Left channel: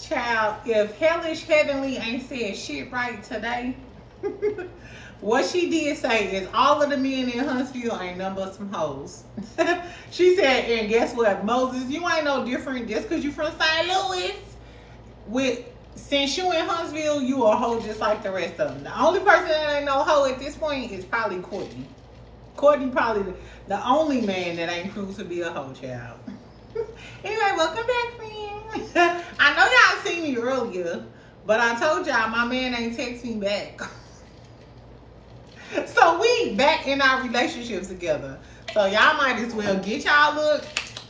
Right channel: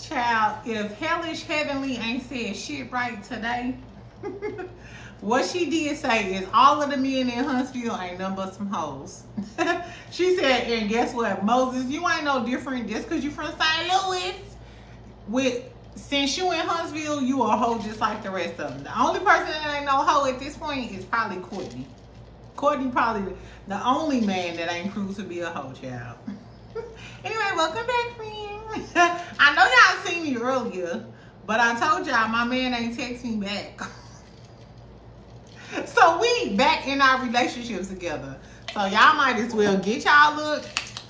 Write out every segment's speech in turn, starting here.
Child, if Hellish Heavenly ain't said shit right today, what she did say is all of the men in Huntsville ain't nothing but some hoes. She said, and guess what, Moses, you ain't no different just because you from St. Louis. Since you in Huntsville, you a hoe just like the rest of them. The only person that ain't no hoe at this point is probably Courtney. Courtney probably the only man that ain't proved to be a hoe, child. Anyway, welcome back, friend. I know y'all seen me earlier, but I told y'all my man ain't text me back. So we back in our relationships together. So y'all might as well get y'all look.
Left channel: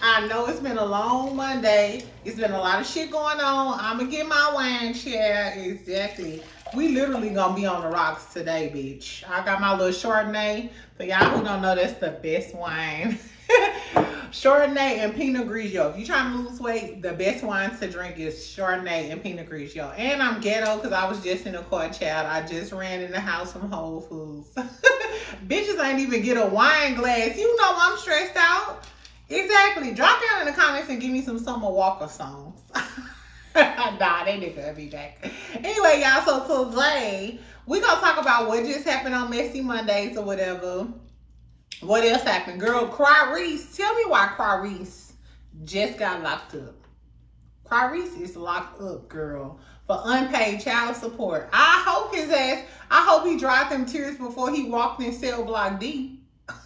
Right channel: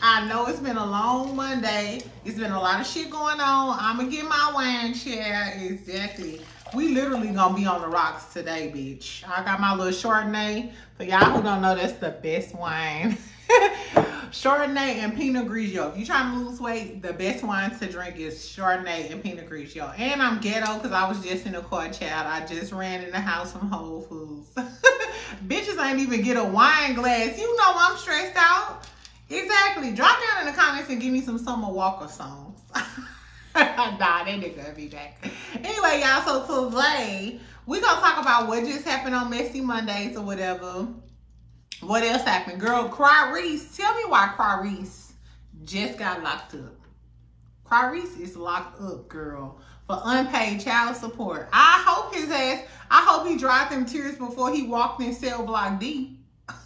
I know it's been a long Monday. It's been a lot of shit going on. I'ma get my wine chair. Exactly. We literally gonna be on the rocks today, bitch. I got my little Chardonnay. For y'all who don't know, that's the best wine. Chardonnay and Pinot Grigio. If you trying to lose weight, the best wines to drink is Chardonnay and Pinot Grigio. And I'm ghetto because I was just in the car, child. I just ran in the house from Whole Foods. Bitches ain't even get a wine glass. You know I'm stressed out. Exactly. Drop down in the comments and give me some Summer Walker songs. Nah, they nigga be back. Anyway, y'all, so today we gonna talk about what just happened on Messy Mondays or whatever. What else happened? Girl, Tyrese, tell me why Tyrese just got locked up. Tyrese is locked up, girl, for unpaid child support. I hope his ass, I hope he dried them tears before he walked in cell block D.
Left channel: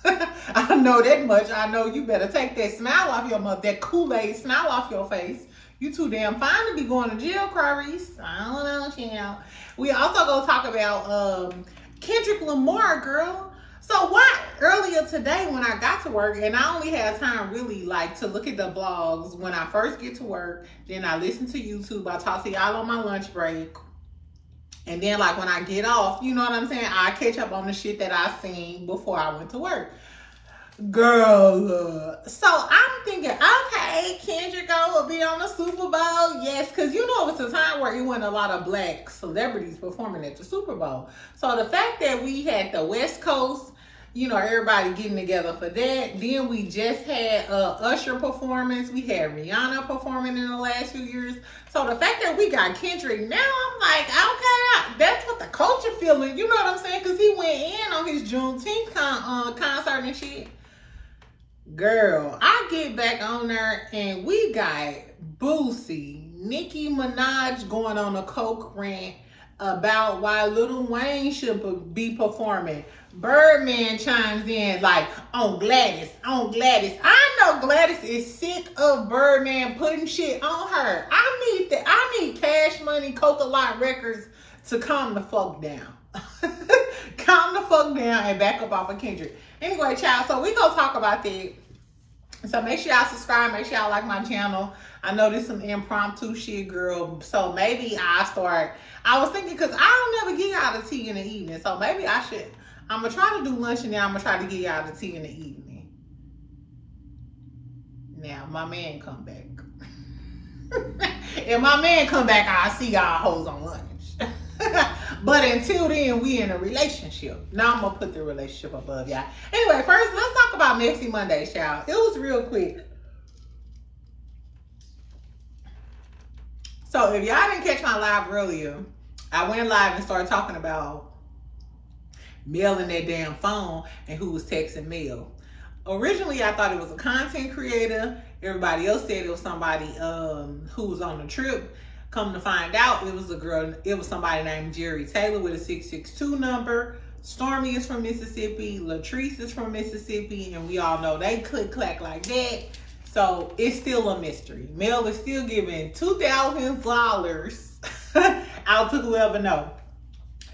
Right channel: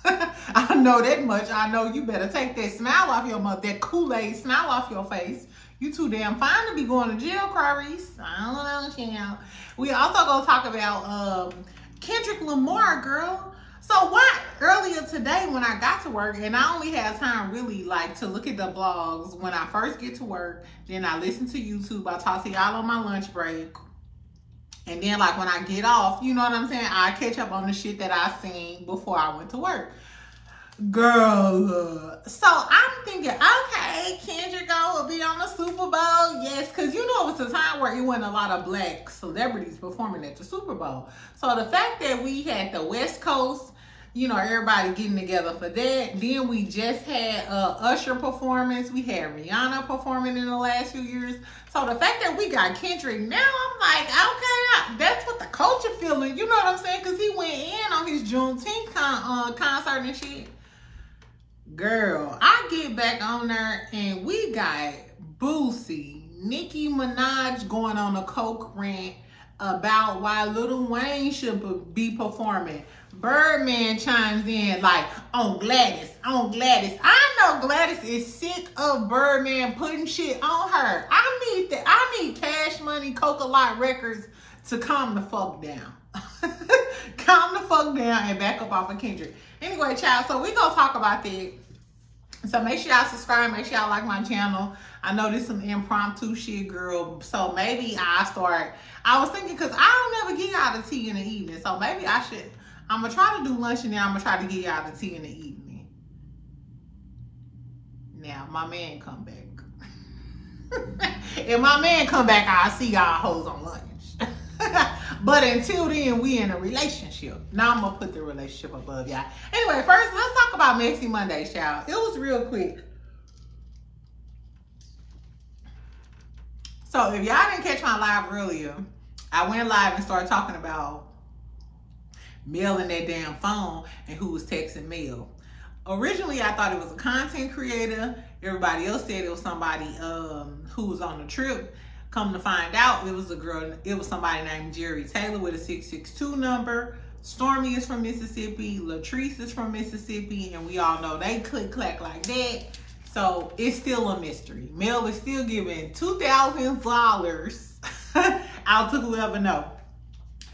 I know that much. I know you better take that smile off your mouth, that Kool-Aid smile off your face. You too damn fine to be going to jail, Tyrese. I don't know, child. We also gonna talk about Kendrick Lamar, girl. So what, earlier today when I got to work, and I only had time really like to look at the blogs when I first get to work, then I listen to YouTube, I talk to y'all on my lunch break. And then like when I get off, you know what I'm saying? I catch up on the shit that I seen before I went to work. Girl, so I'm thinking, okay, Kendrick will be on the Super Bowl. Yes, because you know it was a time where it wasn't a lot of black celebrities performing at the Super Bowl. So the fact that we had the West Coast, you know, everybody getting together for that. Then we just had Usher performance. We had Rihanna performing in the last few years. So the fact that we got Kendrick now, I'm like, okay, that's what the culture feeling. You know what I'm saying? Because he went in on his Juneteenth concert and shit. Girl, I get back on there and we got Boosie, Nicki Minaj going on a coke rant about why Lil Wayne should be performing. Birdman chimes in like, on Gladys. I know Gladys is sick of Birdman putting shit on her. I need Cash Money, Coca-Lot Records to calm the fuck down. Calm the fuck down and back up off of Kendrick. Anyway, child, so we gonna talk about that. So make sure y'all subscribe, make sure y'all like my channel. I know there's some impromptu shit, girl. So maybe I was thinking, because I don't never get y'all the tea in the evening. So maybe I should, I'm going to try to do lunch and then I'm going to try to get y'all the tea in the evening. Now, my man come back. If my man come back, I'll see y'all hoes on lunch. But until then, we in a relationship. Now I'm going to put the relationship above y'all. Anyway, first, let's talk about Messy Mondays, y'all. It was real quick. So if y'all didn't catch my live earlier, I went live and started talking about Mel and that damn phone and who was texting Mel. Originally, I thought it was a content creator. Everybody else said it was somebody who was on the trip. Come to find out, it was a girl. It was somebody named Jerry Taylor with a 662 number. Stormy is from Mississippi. Latrice is from Mississippi. And we all know they click-clack like that. So it's still a mystery. Mel is still giving $2,000 out to whoever know.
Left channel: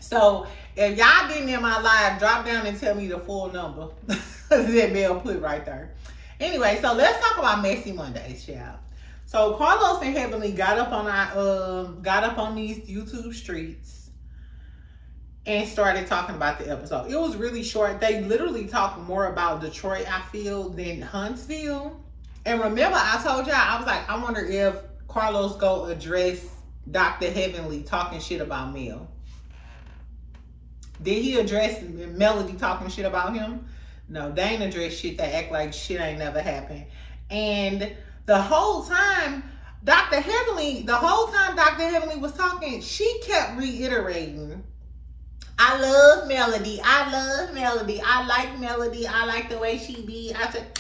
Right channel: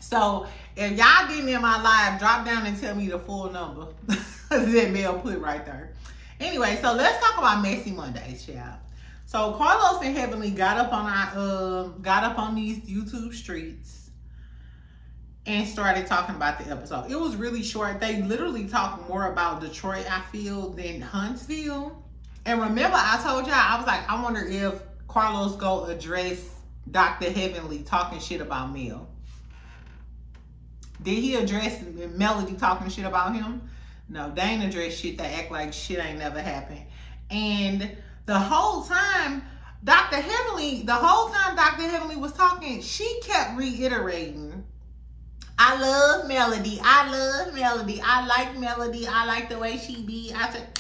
So if y'all getting in my live, drop down and tell me the full number that Mel put right there. Anyway, so let's talk about Messy Mondays, y'all. So Carlos and Heavenly got up on these YouTube streets and started talking about the episode. It was really short. They literally talked more about Detroit, I feel, than Huntsville. And remember, I told y'all, I was like, I wonder if Carlos go address Dr. Heavenly talking shit about Mel. Did he address Melody talking shit about him? No, they ain't address shit that act like shit ain't never happened. And the whole time, Dr. Heavenly, the whole time Dr. Heavenly was talking, she kept reiterating, I love Melody. I love Melody. I like Melody. I like the way she be. I said,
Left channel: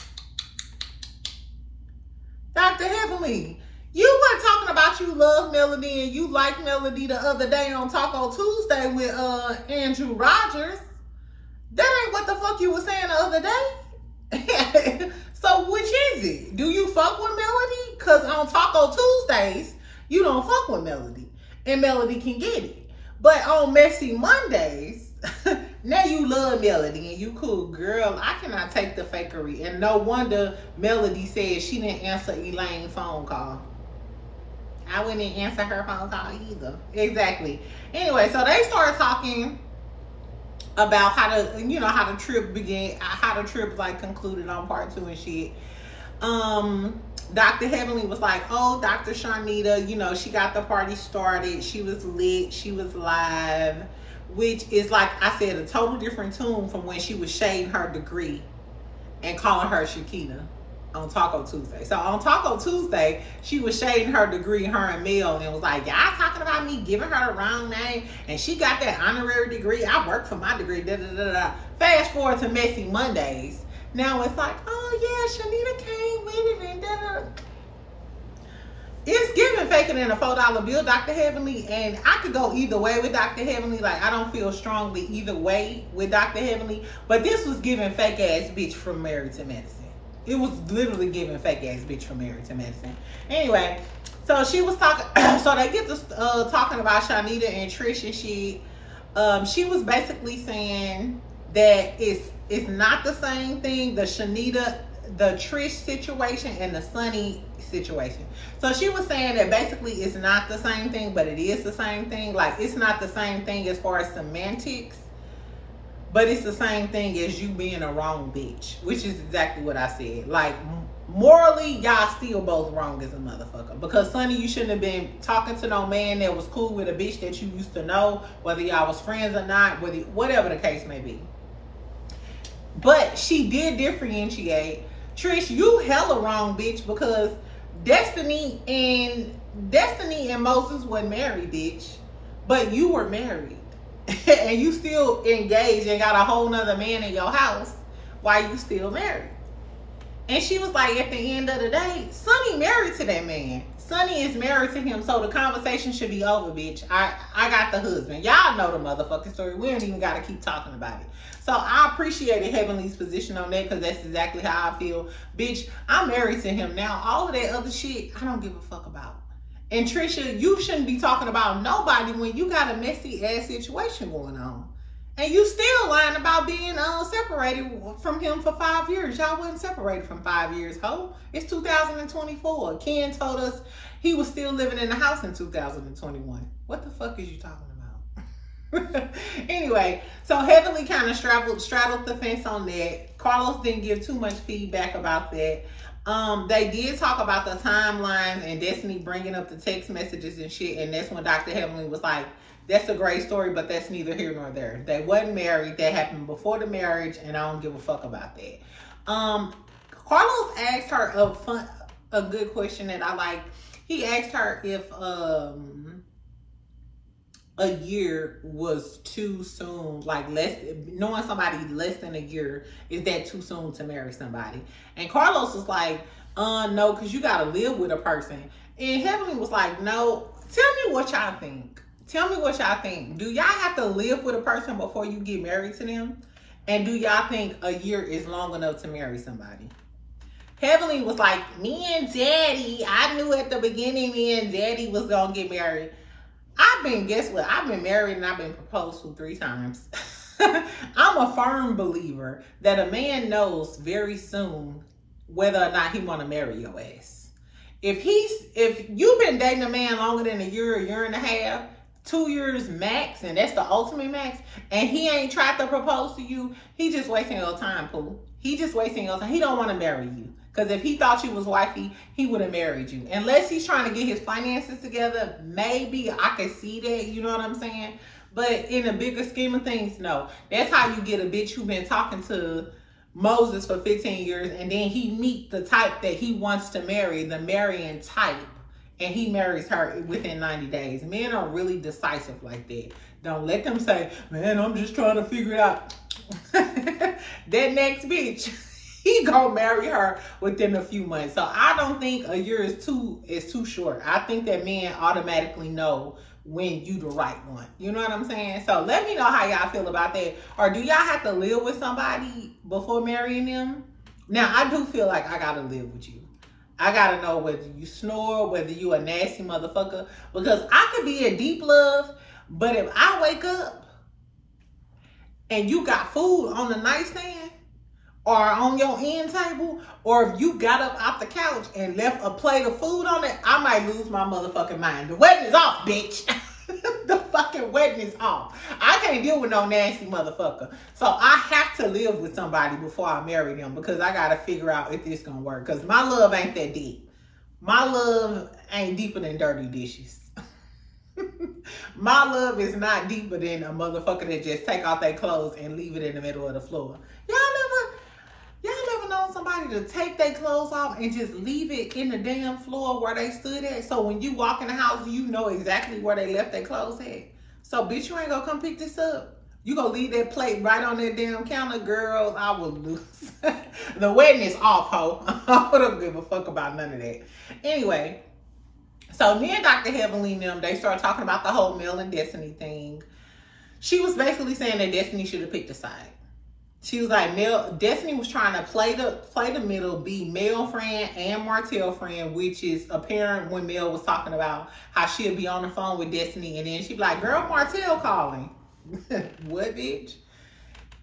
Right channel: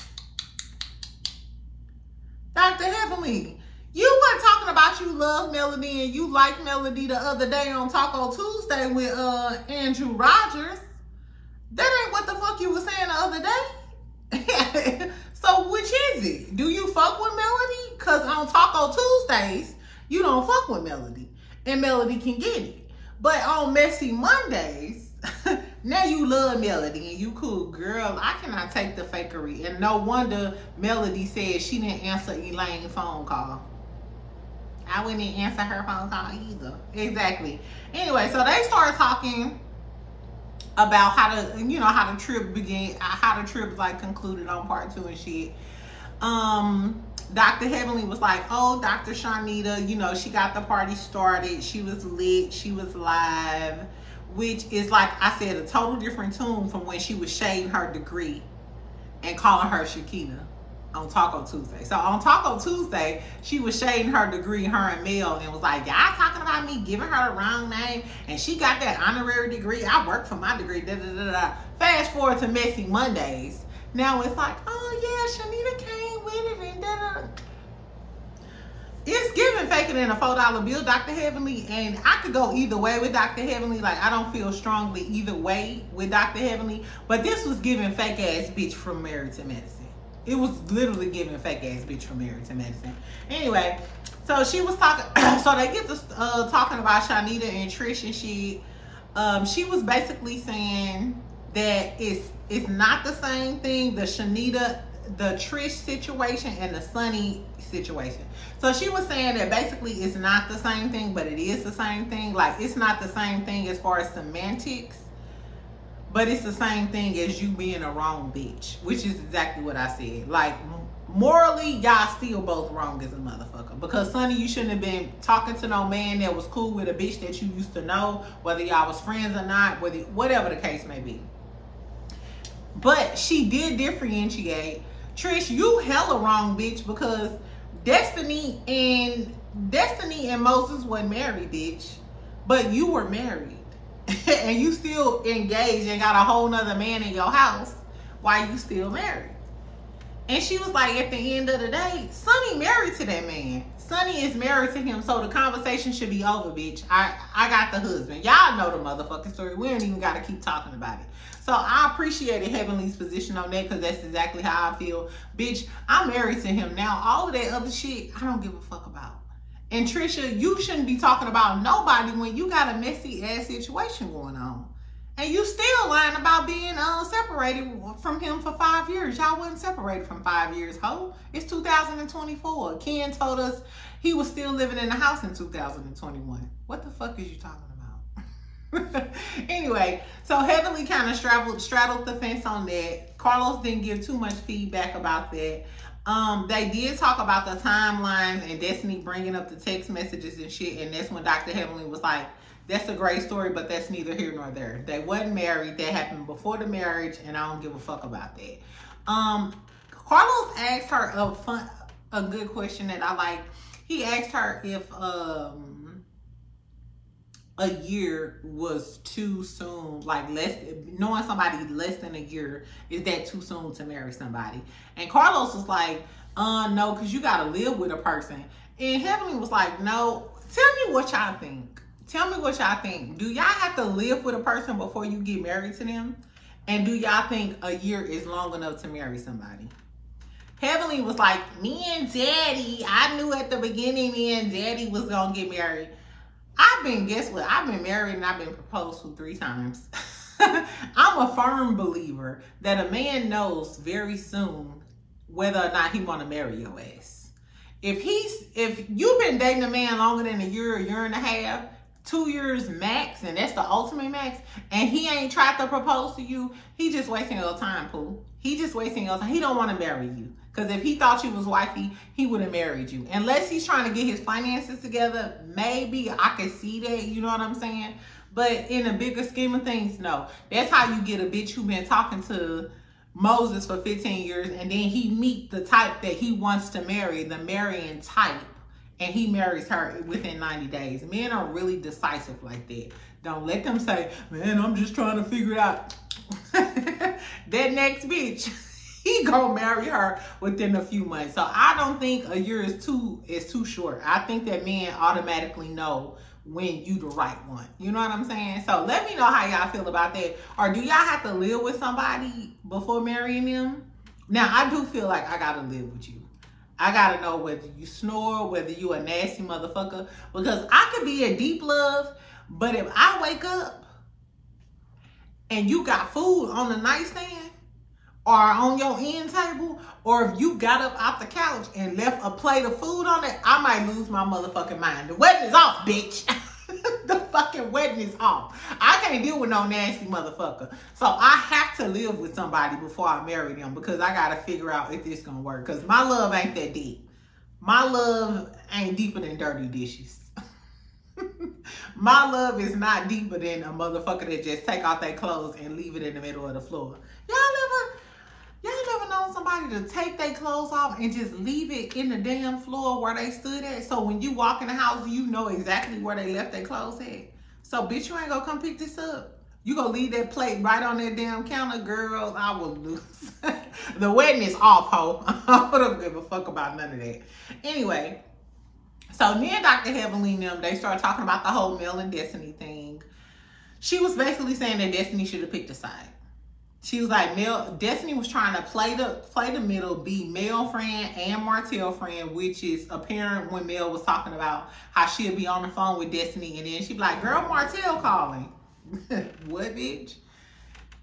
Dr. Heavenly, you weren't talking about you love Melody and you like Melody the other day on Taco Tuesday with Andrew Rogers. That ain't what the fuck you were saying the other day. So which is it? Do you fuck with Melody? Because on Taco Tuesdays, you don't fuck with Melody. And Melody can get it. But on Messy Mondays, now you love Melody and you cool. Girl, I cannot take the fakery. And no wonder Melody said she didn't answer Elaine's phone call. I wouldn't answer her phone call either. Exactly. Anyway, so they started talking about how the, you know, how the trip began, how the trip like concluded on part 2 and shit. Dr. Heavenly was like, oh, Dr. Shanita, you know, she got the party started. She was lit. She was live, which is, like I said, a total different tune from when she was shading her degree and calling her Shakina on Taco Tuesday. So on Taco Tuesday, she was shading her degree, her and Mel, and was like, y'all talking about me giving her the wrong name, and she got that honorary degree. I worked for my degree, da da da da. Fast forward to Messy Mondays. Now it's like, oh yeah, Shanita came with it and da da. It's giving faker than a $4 bill, Dr. Heavenly, and I could go either way with Dr. Heavenly. Like, I don't feel strongly either way with Dr. Heavenly, but this was giving fake ass bitch from Married to Medicine. It was literally giving fake ass bitch from Married to Medicine. Anyway, so she was talking, so they get to talking about Shanita and Trish and shit. She was basically saying that it's not the same thing, the Shanita, the Trish situation and the Sunny situation. So she was saying that basically it's not the same thing, but it is the same thing. Like, it's not the same thing as far as semantics, but it's the same thing as you being a wrong bitch, which is exactly what I said. Like, morally, y'all still both wrong as a motherfucker. Because, Sonny, you shouldn't have been talking to no man that was cool with a bitch that you used to know, whether y'all was friends or not, whatever the case may be. But she did differentiate. Trish, you hella wrong, bitch, because Destiny and Moses wasn't married, bitch. But you were married. And you still engaged and got a whole nother man in your house while you still married. And she was like, at the end of the day, Sonny married to that man. Sonny is married to him, so the conversation should be over, bitch. I got the husband. Y'all know the motherfucking story. We don't even got to keep talking about it. So I appreciated Heavenly's position on that, because that's exactly how I feel. Bitch, I'm married to him now. All of that other shit, I don't give a fuck about. And Trisha, you shouldn't be talking about nobody when you got a messy ass situation going on. And you still lying about being separated from him for 5 years. Y'all wasn't separated from 5 years, ho. It's 2024. Ken told us he was still living in the house in 2021. What the fuck is you talking about? Anyway, so Heavenly kind of straddled the fence on that. Carlos didn't give too much feedback about that. They did talk about the timelines and Destiny bringing up the text messages and shit, and that's when Dr. Heavenly was like, that's a great story, but that's neither here nor there. They wasn't married. That happened before the marriage, and I don't give a fuck about that. Carlos asked her a good question that I like. He asked her if a year was too soon, like knowing somebody less than a year, is that too soon to marry somebody? And Carlos was like, no, because you gotta live with a person. And Heavenly was like, no, tell me what y'all think. Tell me what y'all think. Do y'all have to live with a person before you get married to them? And do y'all think a year is long enough to marry somebody? Heavenly was like, me and Daddy, I knew at the beginning me and Daddy was gonna get married. Guess what? I've been married and I've been proposed to 3 times. I'm a firm believer that a man knows very soon whether or not he want to marry your ass. If you've been dating a man longer than a year and a half, 2 years max, and that's the ultimate max, and he ain't tried to propose to you, he just wasting your time, Pooh. He just wasting your time. He don't want to marry you. Because if he thought you was wifey, he would have married you. Unless he's trying to get his finances together, maybe I could see that, you know what I'm saying? But in the bigger scheme of things, no. That's how you get a bitch who been talking to Moses for 15 years, and then he meet the type that he wants to marry, the marrying type, and he marries her within 90 days. Men are really decisive like that. Don't let them say, man, I'm just trying to figure it out. That next bitch, he gonna marry her within a few months. So I don't think a year is too short. I think that men automatically know when you the right one. You know what I'm saying? So let me know how y'all feel about that. Or do y'all have to live with somebody before marrying them? Now, I do feel like I gotta live with you. I gotta know whether you snore, whether you a nasty motherfucker. Because I could be in deep love, but if I wake up and you got food on the nightstand or on your end table, or if you got up off the couch and left a plate of food on it, I might lose my motherfucking mind. The wedding is off, bitch. The fucking wedding is off. I can't deal with no nasty motherfucker. So I have to live with somebody before I marry them, because I got to figure out if this gonna work. Because my love ain't that deep. My love ain't deeper than dirty dishes. My love is not deeper than a motherfucker that just take off their clothes and leave it in the middle of the floor. Y'all never known somebody to take their clothes off and just leave it in the damn floor where they stood at? So when you walk in the house, you know exactly where they left their clothes at. So bitch, you ain't gonna come pick this up. You gonna leave that plate right on that damn counter, girl. I will lose. The wedding is off, ho. I don't give a fuck about none of that. Anyway, so me and Dr. Heavenly and them, they started talking about the whole Mel and Destiny thing. She was basically saying that Destiny should have picked a side. She was like, Destiny was trying to play the middle, be Mel friend and Martell friend, which is apparent when Mel was talking about how she'll be on the phone with Destiny, and then she'd be like, girl, Martell calling. What, bitch?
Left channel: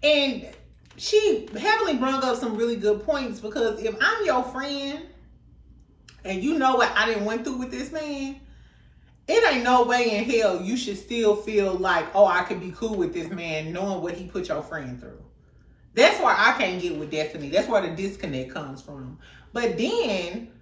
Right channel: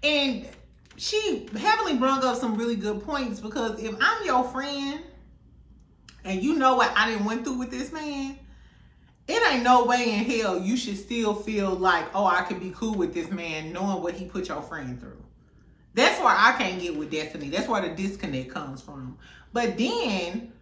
And she heavily brought up some really good points, because if I'm your friend and you know what I done went through with this man, it ain't no way in hell you should still feel like, oh, I could be cool with this man knowing what he put your friend through. That's why I can't get with Destiny. That's where the disconnect comes from. But then,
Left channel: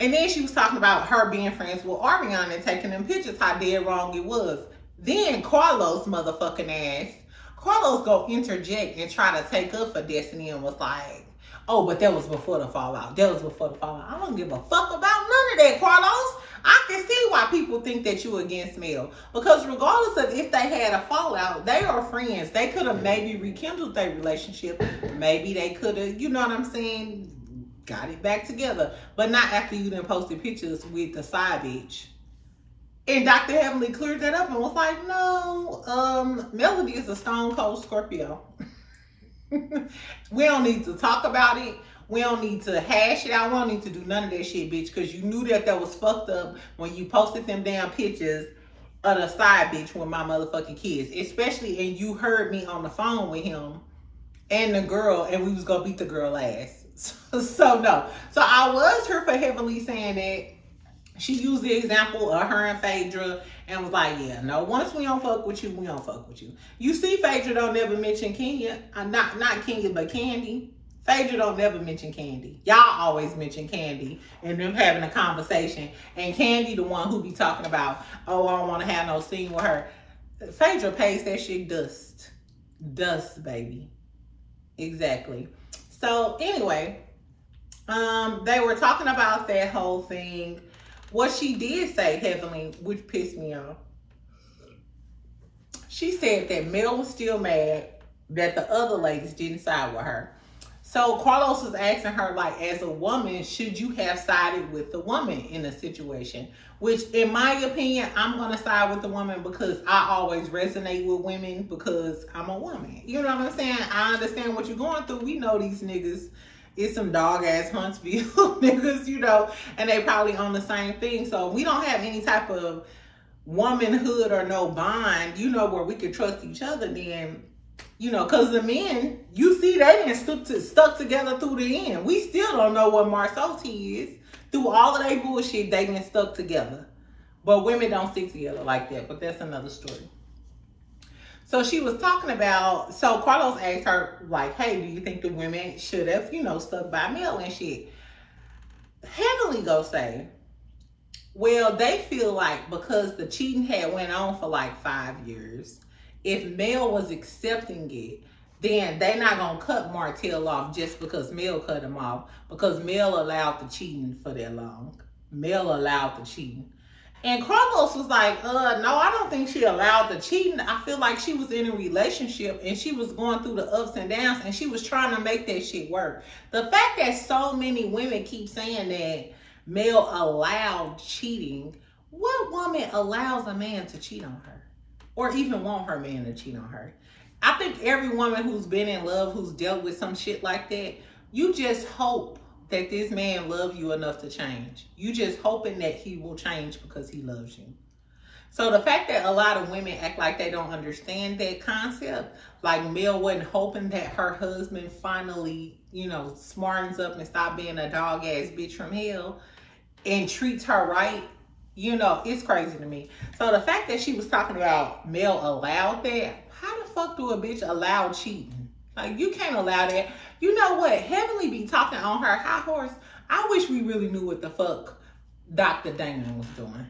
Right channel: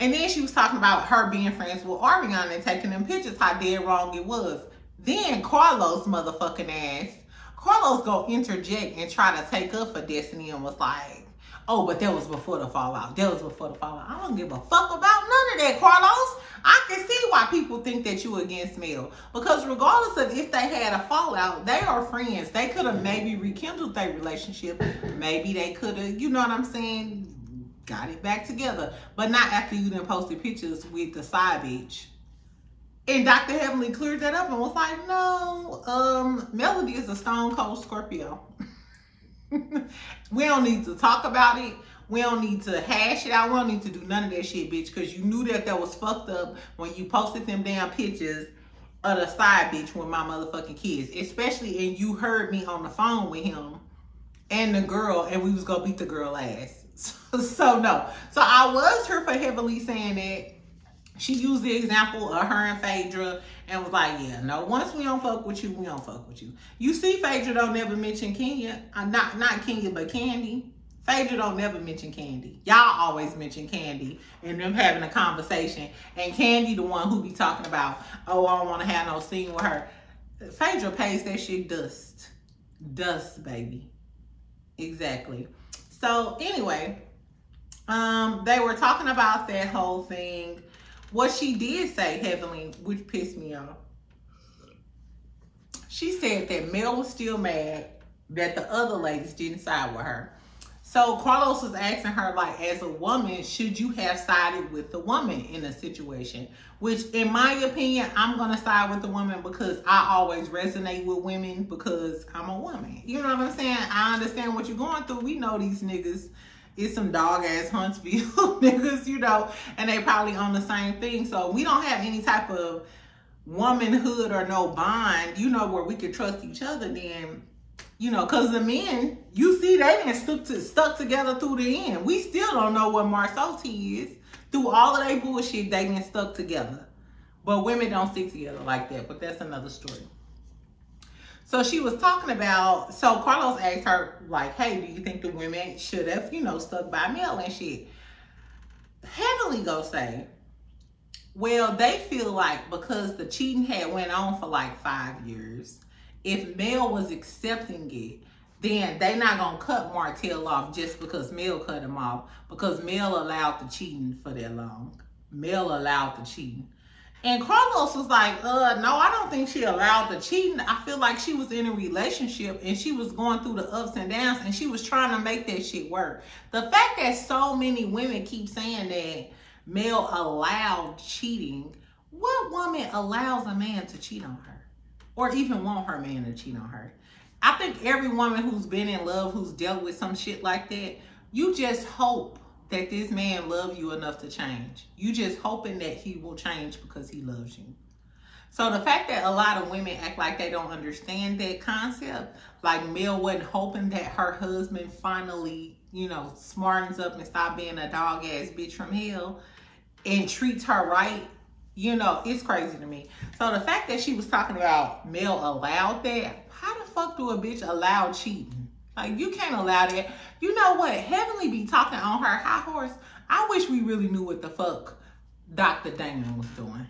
and then she was talking about her being friends with Ariana and taking them pictures, how dead wrong it was. Then Carlos motherfucking ass, Carlos go interject and try to take up for Destiny and was like, oh, but that was before the fallout. That was before the fallout. I don't give a fuck about none of that, Carlos. I can see why people think that you against Mel. Because regardless of if they had a fallout, they are friends. They could have maybe rekindled their relationship. Maybe they could have, you know what I'm saying, got it back together. But not after you done posted pictures with the side bitch. And Dr. Heavenly cleared that up and was like, no, Melody is a stone cold Scorpio. We don't need to talk about it. We don't need to hash it out. We don't need to do none of that shit, bitch. Because you knew that was fucked up when you posted them damn pictures of the side bitch with my motherfucking kids. Especially, and you heard me on the phone with him and the girl, and we was going to beat the girl ass. So no. So I was here for Heavenly saying that. She used the example of her and Phaedra and was like, yeah, no, once we don't fuck with you, we don't fuck with you. You see, Phaedra don't never mention Kenya. Not Kenya, but Candy. Phaedra don't never mention Candy. Y'all always mention Candy and them having a conversation. And Candy the one who be talking about, oh, I don't want to have no scene with her. Phaedra pays that shit dust. Dust, baby. Exactly. So anyway, they were talking about that whole thing. What she did say, Heavenly, which pissed me off, she said that Mel was still mad that the other ladies didn't side with her. So Carlos was asking her, like, as a woman, should you have sided with the woman in a situation? Which, in my opinion, I'm going to side with the woman because I always resonate with women because I'm a woman. You know what I'm saying? I understand what you're going through. We know these niggas. It's some dog-ass Huntsville niggas, you know, and they probably on the same thing. So we don't have any type of womanhood or no bond, you know, where we could trust each other then, you know, because the men, you see, they didn't stuck together through the end. We still don't know what Marsotti is. Through all of that bullshit, they didn't stuck together. But women don't stick together like that, but that's another story. So she was talking about, so Carlos asked her, like, hey, do you think the women should have, you know, stuck by Mel and shit? Heavenly go say, well, they feel like because the cheating had went on for like 5 years, if Mel was accepting it, then they not going to cut Martell off just because Mel cut him off, because Mel allowed the cheating for that long. Mel allowed the cheating. And Carlos was like, no, I don't think she allowed the cheating. I feel like she was in a relationship and she was going through the ups and downs and she was trying to make that shit work. The fact that so many women keep saying that Mel allowed cheating, what woman allows a man to cheat on her? Or even want her man to cheat on her? I think every woman who's been in love, who's dealt with some shit like that, you just hope that this man loves you enough to change. You just hoping that he will change because he loves you. So the fact that a lot of women act like they don't understand that concept, like Mel wasn't hoping that her husband finally, you know, smartens up and stop being a dog ass bitch from hell and treats her right, you know, it's crazy to me. So the fact that she was talking about Mel allowed that, how the fuck do a bitch allow cheating? Like, you can't allow that. You know what? Heavenly be talking on her high horse. I wish we really knew what the fuck Dr. Damon was doing.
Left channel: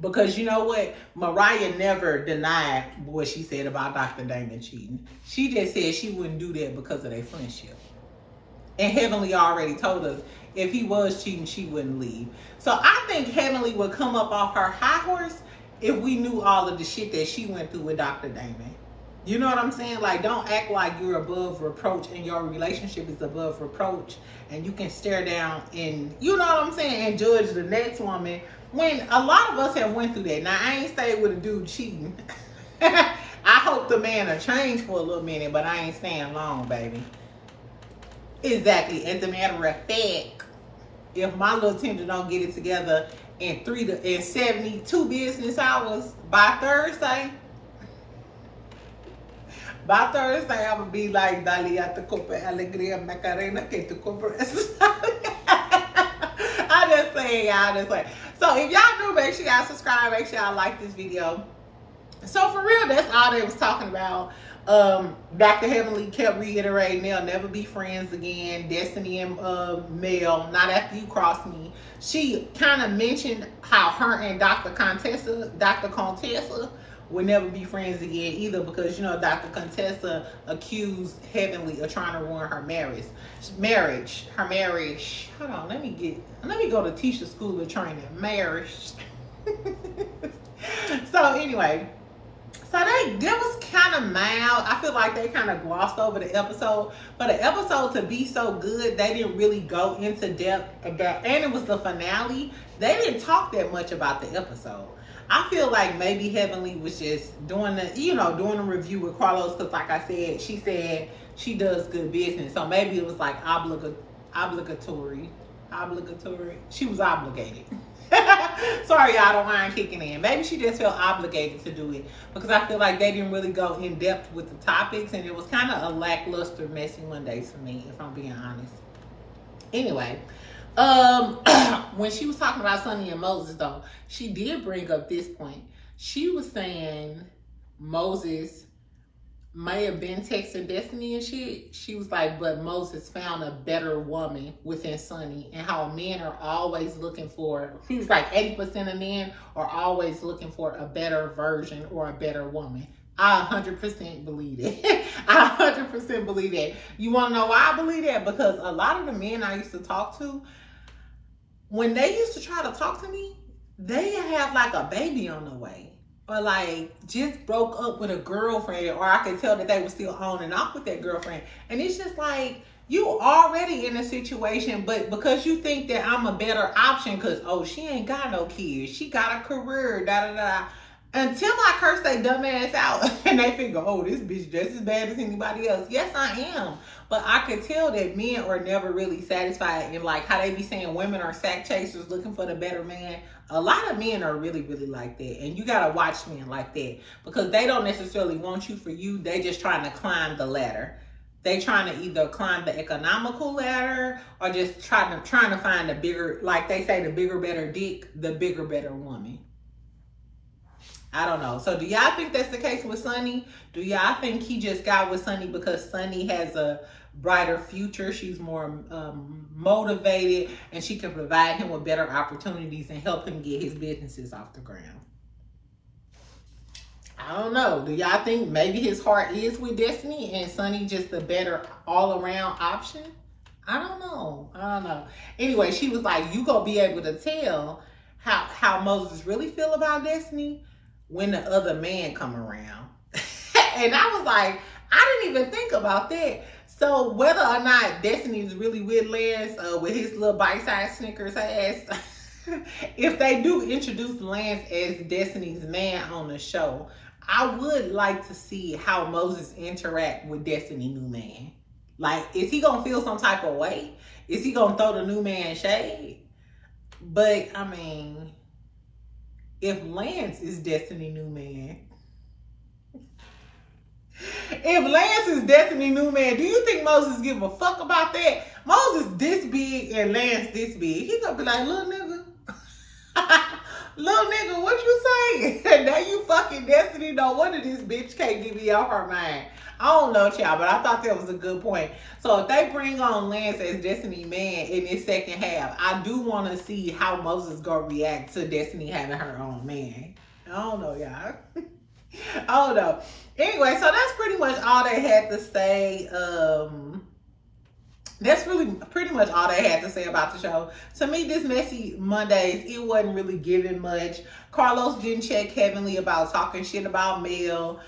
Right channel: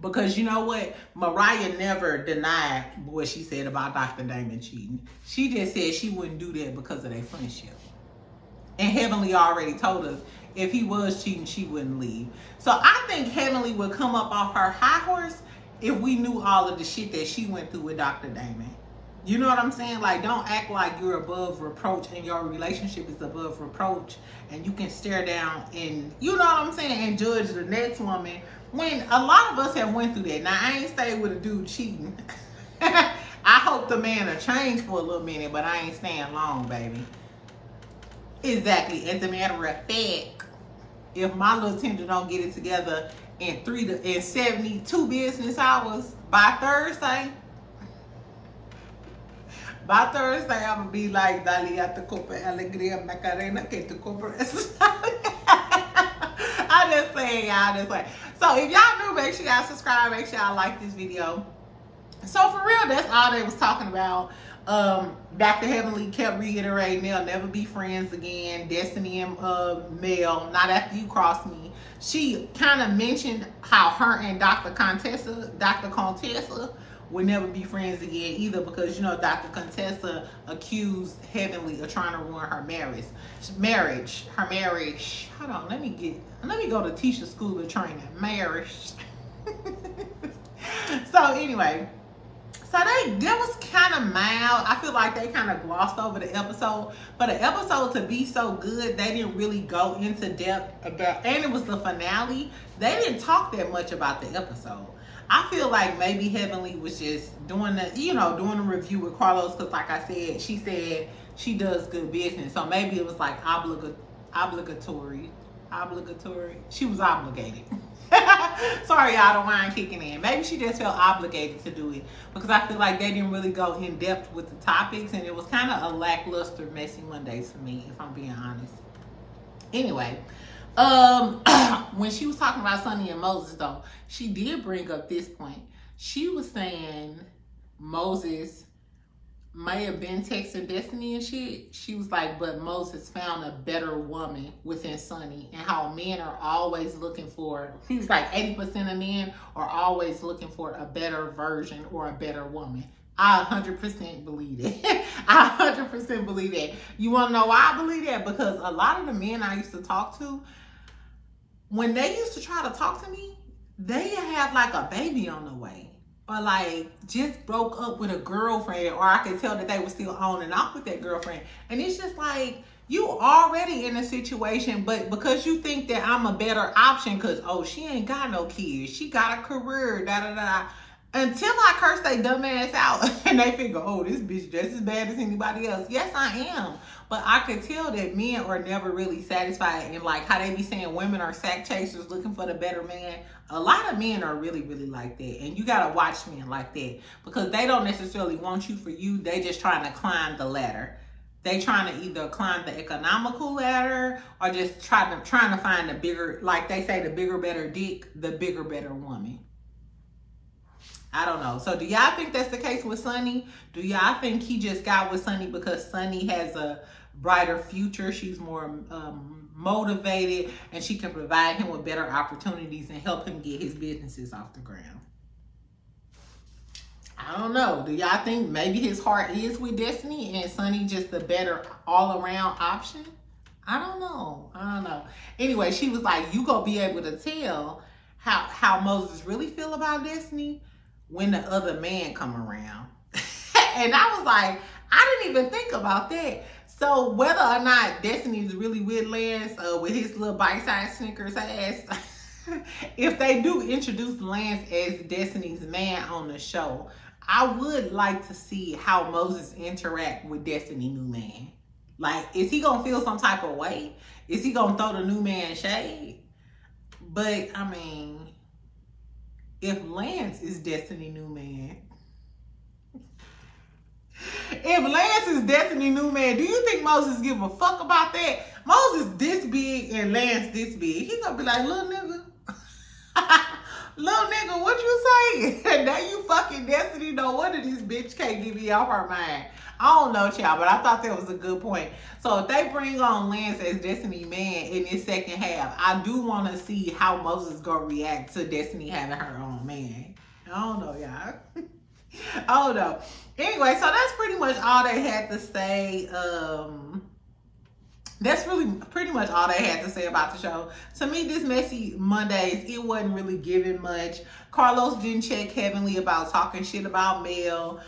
Because you know what? Mariah never denied what she said about Dr. Damon cheating. She just said she wouldn't do that because of their friendship. And Heavenly already told us if he was cheating, she wouldn't leave. So I think Heavenly would come up off her high horse if we knew all of the shit that she went through with Dr. Damon. You know what I'm saying? Like, don't act like you're above reproach and your relationship is above reproach and you can stare down and, you know what I'm saying, and judge the next woman when a lot of us have went through that. Now, I ain't staying with a dude cheating. I hope the man will change for a little minute, but I ain't staying long, baby. Exactly. As a matter of fact, if my little tender don't get it together in 72 business hours by Thursday, I'm gonna be like, Dalia te copa alegría Macarena que tu compras. I just saying, y'all, just saying. So if y'all new, make sure y'all subscribe, make sure y'all like this video. So for real, that's all they was talking about. Dr. Heavenly kept reiterating they'll never be friends again. Destiny and Mel, not after you cross me. She kind of mentioned how her and Dr. Contessa would never be friends again either, because, you know, Dr. Contessa accused Heavenly of trying to ruin her marriage. Hold on, let me go to Tisha School of Training. Marriage. So anyway, so that was kind of mild. I feel like they kind of glossed over the episode. For the episode to be so good, they didn't really go into depth about, and it was the finale. They didn't talk that much about the episode. I feel like maybe Heavenly was just doing the, you know, doing a review with Carlos because, like I said, she said she does good business. So maybe it was like obligatory. She was obligated. Sorry, y'all, don't mind kicking in. Maybe she just felt obligated to do it because I feel like they didn't really go in depth with the topics and it was kind of a lackluster, messy Mondays for me, if I'm being honest. Anyway, when she was talking about Sonny and Moses, though, she did bring up this point. She was saying Moses may have been texting Destiny and shit. She was like, but Moses found a better woman within Sonny, and how men are always looking for, she was like 80% of men are always looking for a better version or a better woman. I 100% believe it. I 100% believe that. You want to know why I believe that? Because a lot of the men I used to talk to, when they used to try to talk to me, they have like a baby on the way. Or like just broke up with a girlfriend, or I could tell that they were still on and off with that girlfriend. And it's just like, you already in a situation, but because you think that I'm a better option because, oh, she ain't got no kids, she got a career, da-da-da. Until I curse they dumb ass out and they figure, oh, this bitch just as bad as anybody else. Yes, I am. But I could tell that men are never really satisfied. And like how they be saying women are sack chasers looking for the better man. A lot of men are really, really like that. And you got to watch men like that because they don't necessarily want you for you. They just trying to climb the ladder. They trying to either climb the economical ladder or just trying to find the bigger, like they say, the bigger, better dick, the bigger, better woman. I don't know. So do y'all think that's the case with Sonny? Do y'all think he just got with Sonny because Sonny has a brighter future? She's more motivated and she can provide him with better opportunities and help him get his businesses off the ground. I don't know. Do y'all think maybe his heart is with Destiny and Sonny just the better all-around option? I don't know. I don't know. Anyway, she was like, you gonna be able to tell how Moses really feel about Destiny when the other man come around. And I was like, I didn't even think about that. So whether or not Destiny is really with Lance, with his little bite-sized Snickers ass, if they do introduce Lance as Destiny's man on the show, I would like to see how Moses interact with Destiny new man. Like, is he gonna feel some type of way? Is he gonna throw the new man shade? But I mean, if Lance is Destiny new man, if Lance is Destiny new man, do you think Moses give a fuck about that? Moses this big and Lance this big. He gonna be like, little nigga. Little nigga, what you say? Now you fucking Destiny. No wonder this bitch can't get me off her mind. I don't know, child, but I thought that was a good point. So if they bring on Lance as Destiny man in this second half, I do want to see how Moses gonna react to Destiny having her own man. I don't know, y'all. I don't know. Anyway, so that's pretty much all they had to say. That's really pretty much all they had to say about the show. To me, this Messy Mondays, it wasn't really giving much. Carlos didn't check Heavenly about talking shit about Mel.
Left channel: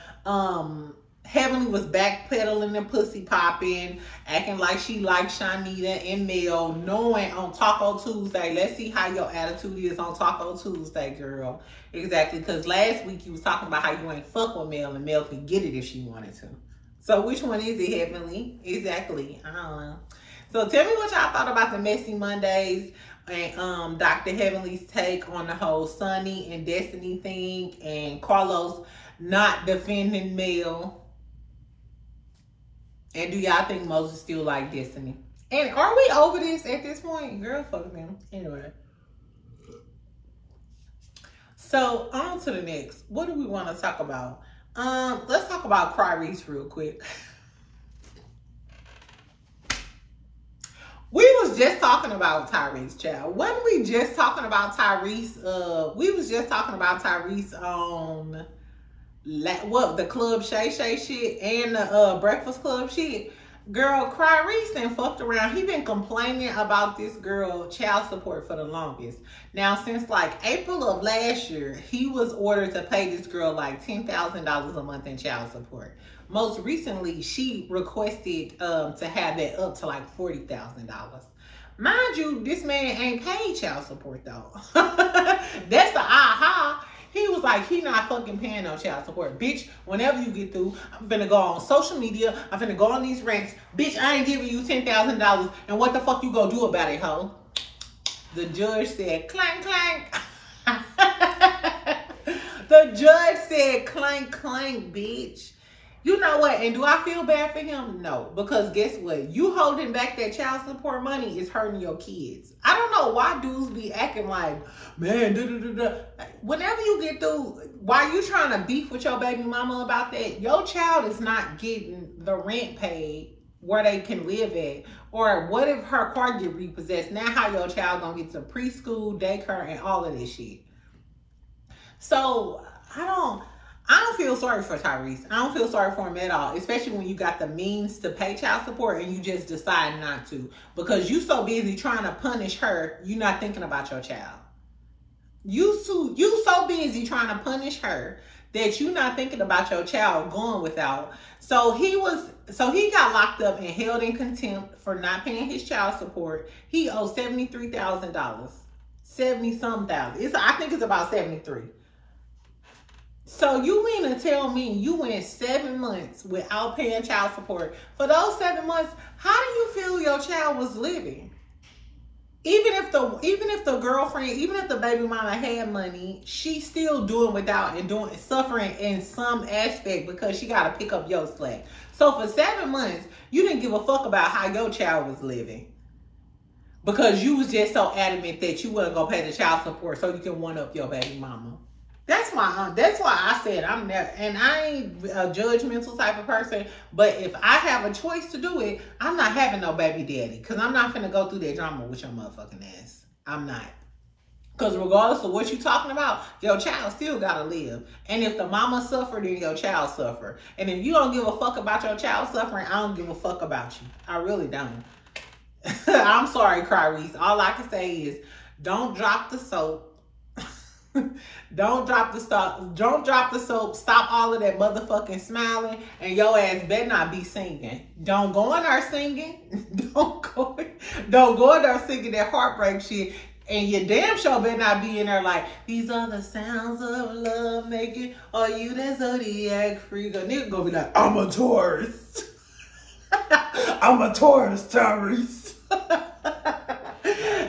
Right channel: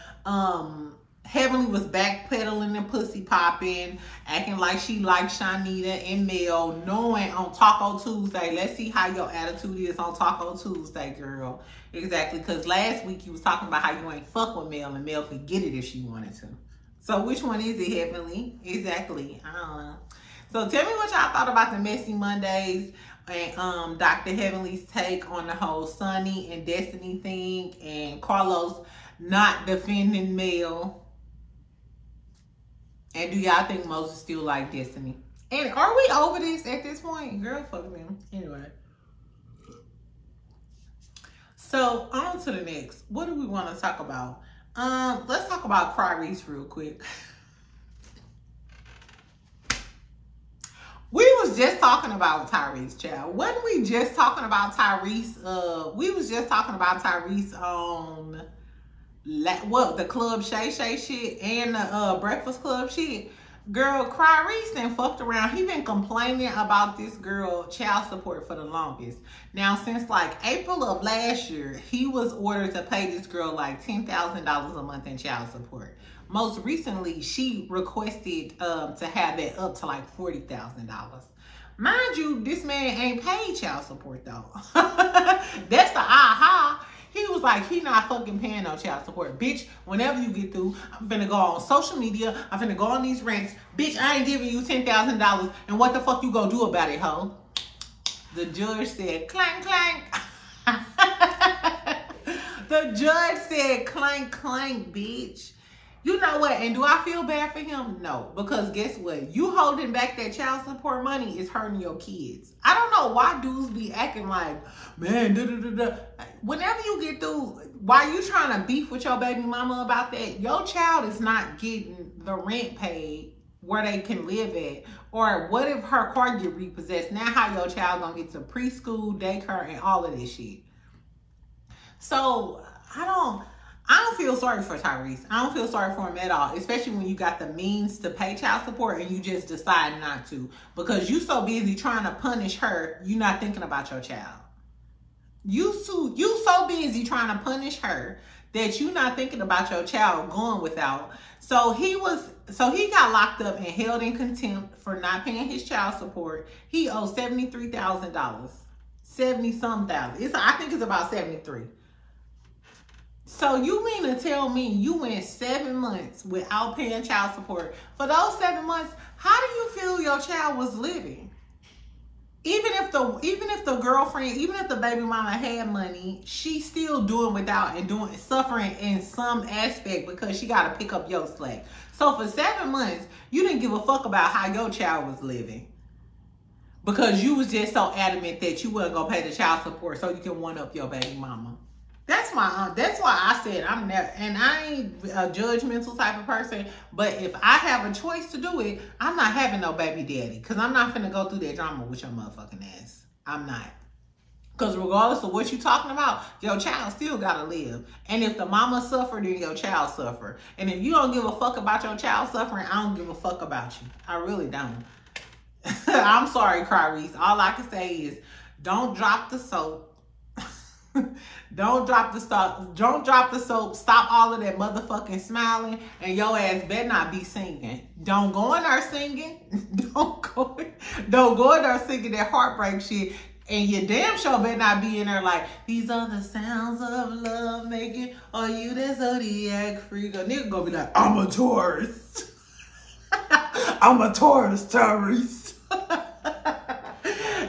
Heavenly was backpedaling and pussy popping, acting like she liked Shanita and Mel, knowing on Taco Tuesday. Let's see how your attitude is on Taco Tuesday, girl. Exactly, because last week you was talking about how you ain't fuck with Mel and Mel could get it if she wanted to. So which one is it, Heavenly? Exactly. I don't know. So tell me what y'all thought about the Messy Mondays and Dr. Heavenly's take on the whole Sunny and Destiny thing and Carlos not defending Mel. And do y'all think Moses still like Destiny? And are we over this at this point? Girl, fuck them. Anyway. So on to the next. What do we want to talk about? Let's talk about Tyrese real quick. We was just talking about Tyrese, child. Wasn't we just talking about Tyrese? We was just talking about Tyrese on what, the Club Shay Shay shit and the Breakfast Club shit. Girl, Tyrese and fucked around. He been complaining about this girl child support for the longest. Now, since like April of last year, he was ordered to pay this girl like $10,000 a month in child support. Most recently, she requested to have that up to like $40,000. Mind you, this man ain't paid child support though. That's the aha. He was like, he not fucking paying no child support. Bitch, whenever you get through, I'm finna go on social media. I'm finna go on these rants. Bitch, I ain't giving you $10,000. And what the fuck you gonna do about it, ho? The judge said, clank, clank. The judge said, clank, clank, bitch. You know what? And do I feel bad for him? No. Because guess what? You holding back that child support money is hurting your kids. I don't know why dudes be acting like, man, whenever you get through, while you trying to beef with your baby mama about that, your child is not getting the rent paid where they can live at. Or what if her car get repossessed? Now how your child gonna get to preschool, daycare, and all of this shit? So I don't feel sorry for Tyrese. I don't feel sorry for him at all, especially when you got the means to pay child support and you just decide not to because you so busy trying to punish her, you're not thinking about your child. You so busy trying to punish her that you're not thinking about your child going without. So he got locked up and held in contempt for not paying his child support. He owes $73,000, 70-something thousand. I think it's about 73. So you mean to tell me you went 7 months without paying child support? For those 7 months, how do you feel your child was living? Even if the girlfriend, even if the baby mama had money, she's still doing without and suffering in some aspect because she got to pick up your slack. So for 7 months, you didn't give a fuck about how your child was living because you was just so adamant that you wasn't gonna pay the child support so you can one up your baby mama. That's why I said I'm never, and I ain't a judgmental type of person, but if I have a choice to do it, I'm not having no baby daddy because I'm not finna go through that drama with your motherfucking ass. I'm not. Because regardless of what you talking about, your child still gotta live. And if the mama suffered, then your child suffer. And if you don't give a fuck about your child suffering, I don't give a fuck about you. I really don't. I'm sorry, Tyrese. All I can say is don't drop the soap. Don't drop the soap. Don't drop the soap. Stop all of that motherfucking smiling, and your ass better not be singing. Don't go in there singing. Don't go in there singing that heartbreak shit. And your damn show better not be in there like, these are the sounds of love making. Are you that zodiac freak? A nigga gonna be like, I'm a Taurus. I'm a Taurus, Tyrese.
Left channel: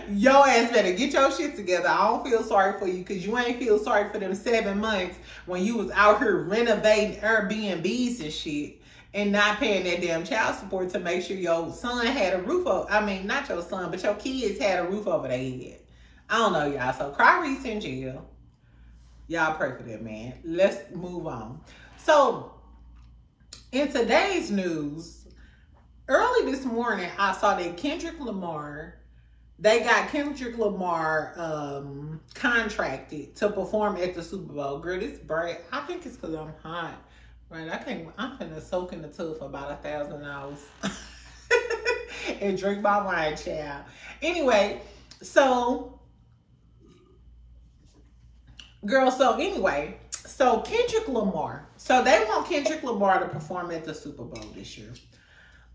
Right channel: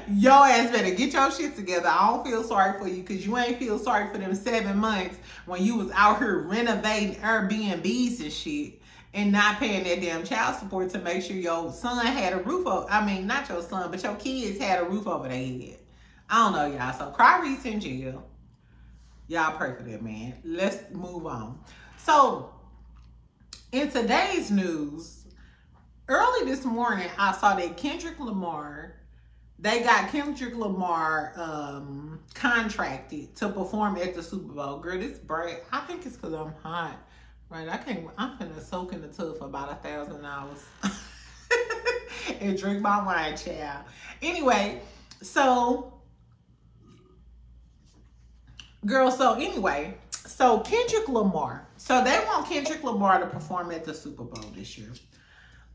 Your ass better get your shit together. I don't feel sorry for you because you ain't feel sorry for them 7 months when you was out here renovating Airbnbs and shit and not paying that damn child support to make sure your son had a roof over. I mean, not your son, but your kids had a roof over their head. I don't know, y'all. So Tyrese in jail. Y'all pray for that man. Let's move on. So in today's news, early this morning, I saw that Kendrick Lamar, they got Kendrick Lamar contracted to perform at the Super Bowl. Girl, this bright. I think it's because I'm hot. Right? I'm finna soak in the tub for about 1,000 hours and drink my wine, child. Anyway, so Kendrick Lamar. So they want Kendrick Lamar to perform at the Super Bowl this year.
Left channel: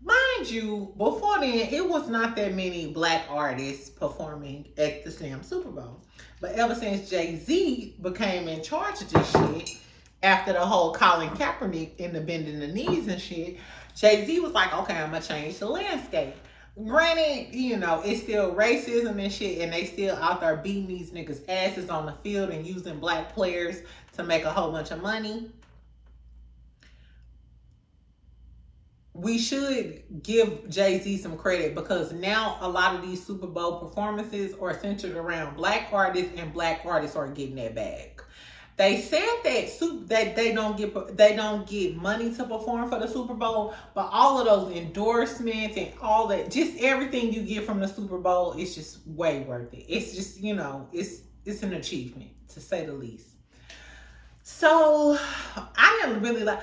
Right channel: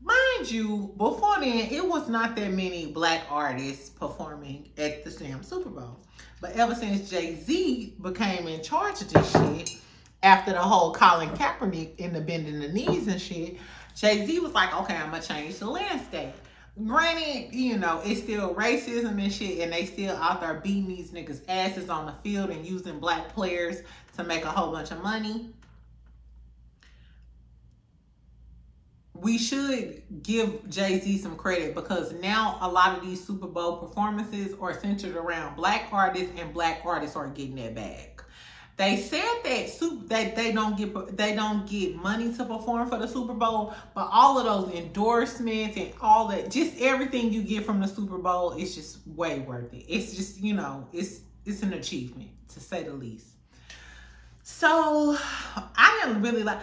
Mind you, before then, it was not that many black artists performing at the damn Super Bowl. But ever since Jay-Z became in charge of this shit, after the whole Colin Kaepernick and the bending the knees and shit, Jay-Z was like, okay, I'm going to change the landscape. Granted, you know, it's still racism and shit, and they still out there beating these niggas' asses on the field and using black players to make a whole bunch of money. We should give Jay-Z some credit because now a lot of these Super Bowl performances are centered around black artists, and black artists are getting that bag. They said that they don't get money to perform for the Super Bowl, but all of those endorsements and all that, just everything you get from the Super Bowl, is just way worth it. It's just, you know, it's an achievement, to say the least. So I didn't really like.